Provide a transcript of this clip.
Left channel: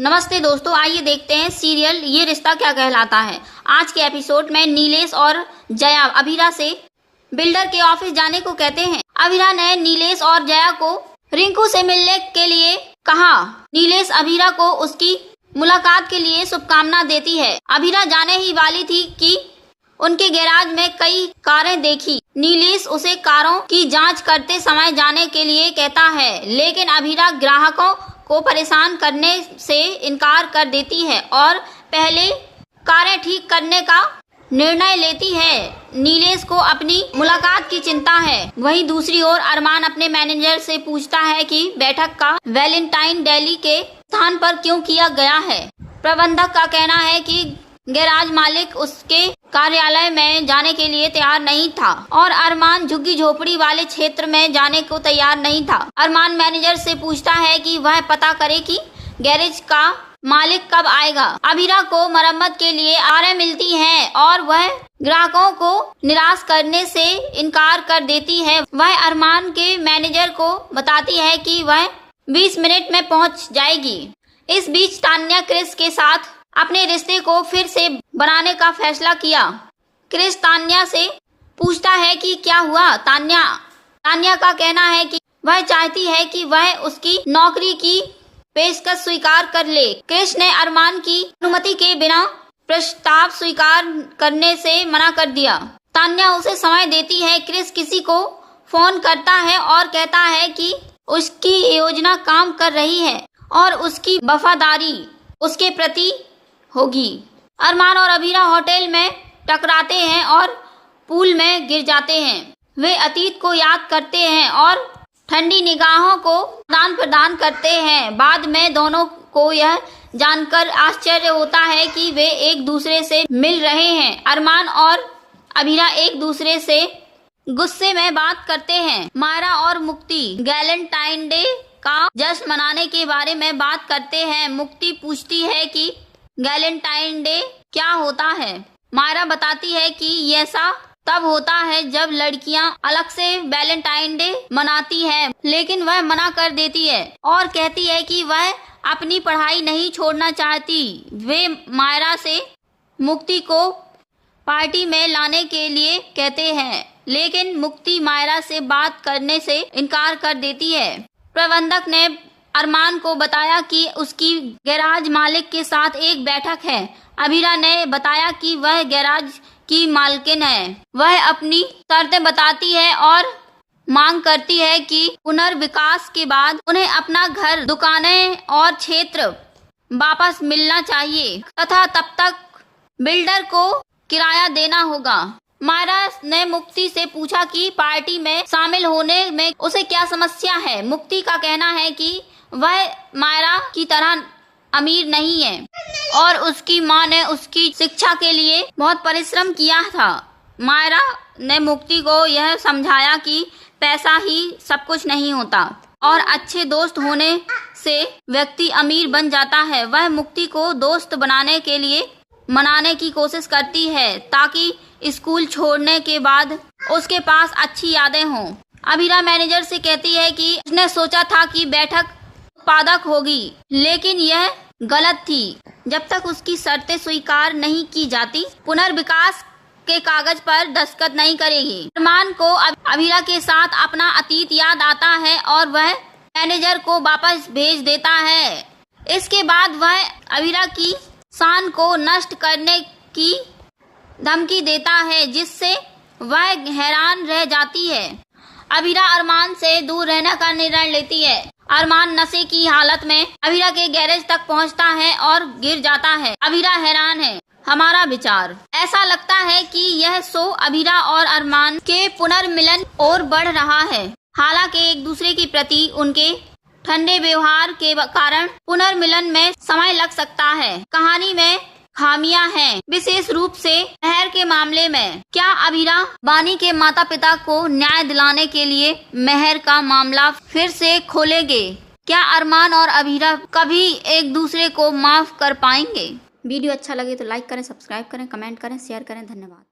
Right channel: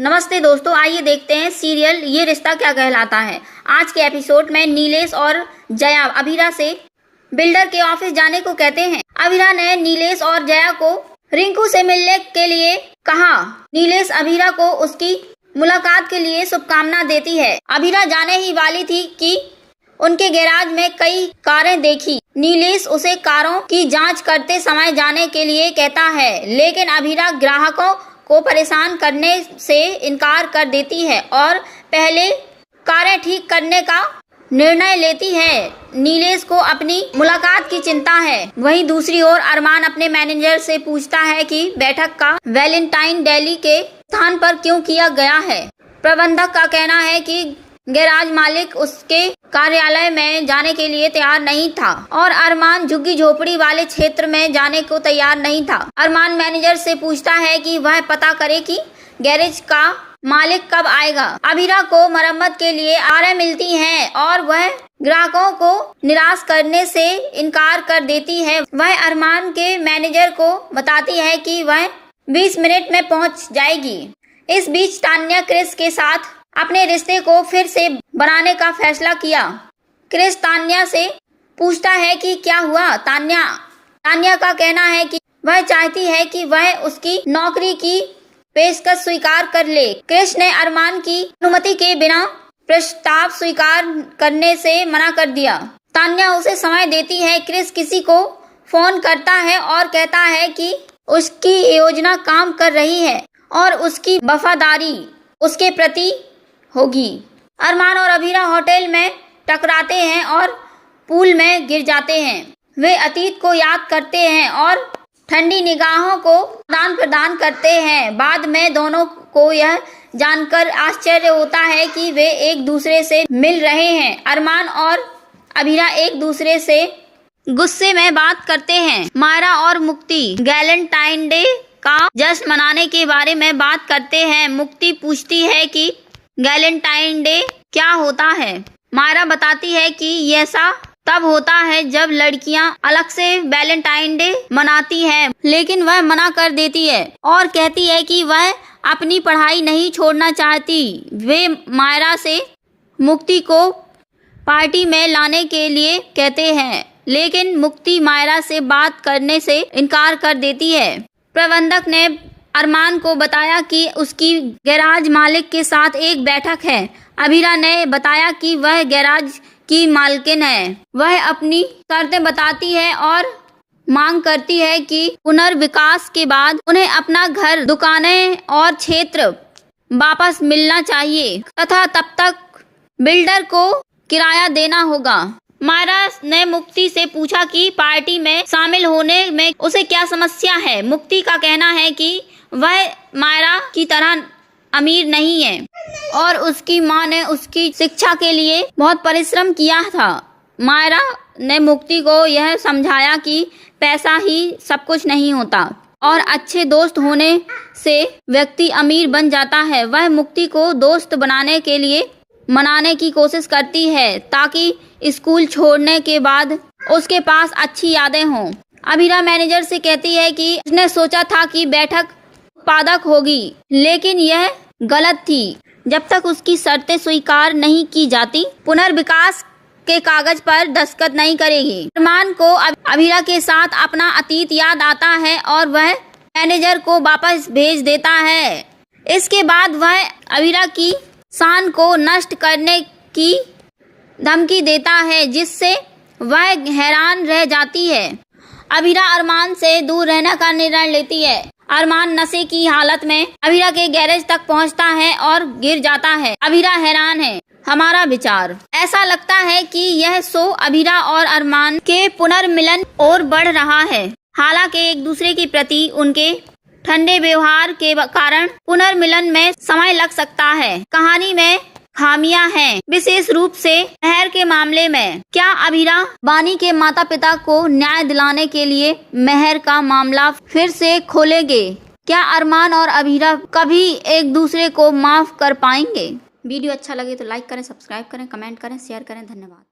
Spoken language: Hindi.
नमस्ते दोस्तों, आइए देखते हैं सीरियल ये रिश्ता क्या कहलाता है। आज के एपिसोड में नीलेश और जया अभीरा से बिल्डर के ऑफिस जाने को कहते हैं। अभीरा ने नीलेश और जया को रिंकू से मिलने के लिए कहा। नीलेश अभीरा को उसकी मुलाकात के लिए शुभकामना देती है। अभीरा जाने ही वाली थी कि उनके गैराज में कई कारें देखी। नीलेश उसे कारों की जांच करते समय जाने के लिए कहता है, लेकिन अभीरा ग्राहकों को परेशान करने से इनकार कर देती है और पहले कारें ठीक करने का निर्णय लेती है। नीलेश को अपनी मुलाकात की चिंता है। वहीं दूसरी ओर अरमान अपने मैनेजर से पूछता है कि बैठक का वैलेंटाइन डेली के स्थान पर क्यों किया गया है। प्रबंधक का कहना है कि गैराज मालिक उसके कार्यालय में जाने के लिए तैयार नहीं था और अरमान झुग्गी झोपड़ी वाले क्षेत्र में जाने को तैयार नहीं था। अरमान मैनेजर से पूछता है कि वह पता करे कि गैरेज का मालिक कब आएगा। अभीरा को मरम्मत के लिए आरे मिलती हैं और वह ग्राहकों को निराश करने से इनकार कर देती है। वह अरमान के मैनेजर को बताती है कि वह 20 मिनट में पहुंच जाएगी। इस बीच तान्या क्रिस के साथ अपने रिश्ते को फिर से बनाने का फैसला किया। क्रिस तान्या से पूछता है कि क्या हुआ। तान्या का कहना है कि वह चाहती है कि वह उसकी नौकरी की पेशकश स्वीकार कर ले। क्रिस ने अरमान की अनुमति के बिना प्रस्ताव स्वीकार करने से मना कर दिया। तान्या उसे समय देती है। क्रिस किसी को फोन करता है और कहता है कि उसकी योजना काम कर रही है और उसकी वफादारी उसके प्रति होगी। अरमान और अभीरा होटल में टकराते हैं और पूल में गिर जाते हैं। वे अतीत को याद करते हैं और ठंडी निगाहों को आदान प्रदान करते हैं। बाद में दोनों को यह जानकर आश्चर्य होता है कि वे एक दूसरे से मिल रहे हैं। अरमान और अभीरा एक दूसरे से गुस्से में बात करते हैं। मायरा और मुक्ति वैलेंटाइन डे का जश्न मनाने के बारे में बात करते हैं। मुक्ति पूछती है कि वैलेंटाइन डे क्या होता है। मायरा बताती है कि ऐसा तब होता है जब लड़कियां अलग से वैलेंटाइन डे मनाती हैं, लेकिन वह मना कर देती है और कहती है कि वह अपनी पढ़ाई नहीं छोड़ना चाहती। वे मायरा से मुक्ति को पार्टी में लाने के लिए कहते हैं, लेकिन मुक्ति मायरा से बात करने से इनकार कर देती है। प्रबंधक ने अरमान को बताया कि उसकी गैराज मालिक के साथ एक बैठक है। अभीरा ने बताया कि वह गैराज की मालकिन है। वह अपनी शर्तें बताती है और मांग करती है कि पुनर्विकास के बाद उन्हें अपना घर, दुकानें और क्षेत्र वापस मिलना चाहिए तथा तब तक बिल्डर को किराया देना होगा। मायरा ने मुक्ति से पूछा कि पार्टी में शामिल होने में उसे क्या समस्या है। मुक्ति का कहना है कि वह मायरा की तरह अमीर नहीं है और उसकी मां ने उसकी शिक्षा के लिए बहुत परिश्रम किया था। मायरा ने मुक्ति को यह समझाया कि पैसा ही सब कुछ नहीं होता और अच्छे दोस्त होने से व्यक्ति अमीर बन जाता है। वह मुक्ति को दोस्त बनाने के लिए मनाने की कोशिश करती है ताकि स्कूल छोड़ने के बाद उसके पास अच्छी यादें हों। अभीरा मैनेजर से कहती है कि उसने सोचा था कि बैठक उत्पादक होगी, लेकिन यह गलत थी। जब तक उसकी शर्तें स्वीकार नहीं की जाती, पुनर्विकास के कागज पर दस्तखत नहीं करेगी। अरमान को अभीरा के साथ अपना अतीत याद आता है और वह मैनेजर को वापस भेज देता है। इसके बाद वह अभीरा की शान को नष्ट करने की धमकी देता है, जिससे वह हैरान रह जाती है। अभीरा अरमान से दूर रहने का निर्णय लेती है। अरमान नशे की हालत में अभीरा के गैरेज तक पहुंचता है और गिर जाता है। अभीरा हैरान है। हमारा विचार ऐसा लगता है कि यह शो अभीरा और अरमान के पुनर्मिलन और बढ़ रहा है। हालांकि एक दूसरे के प्रति उनके ठंडे व्यवहार के कारण पुनर्मिलन में समय लग सकता है। कहानी में खामियां हैं, विशेष रूप से मेहर के मामले में। क्या अभीरा बानी के माता पिता को न्याय दिलाने के लिए मेहर का मामला फिर से खोलेंगे? क्या अरमान और अभीरा कभी एक दूसरे को माफ कर पाएंगे? वीडियो अच्छा लगे तो लाइक करें, सब्सक्राइब करें, कमेंट करें, शेयर करें। धन्यवाद।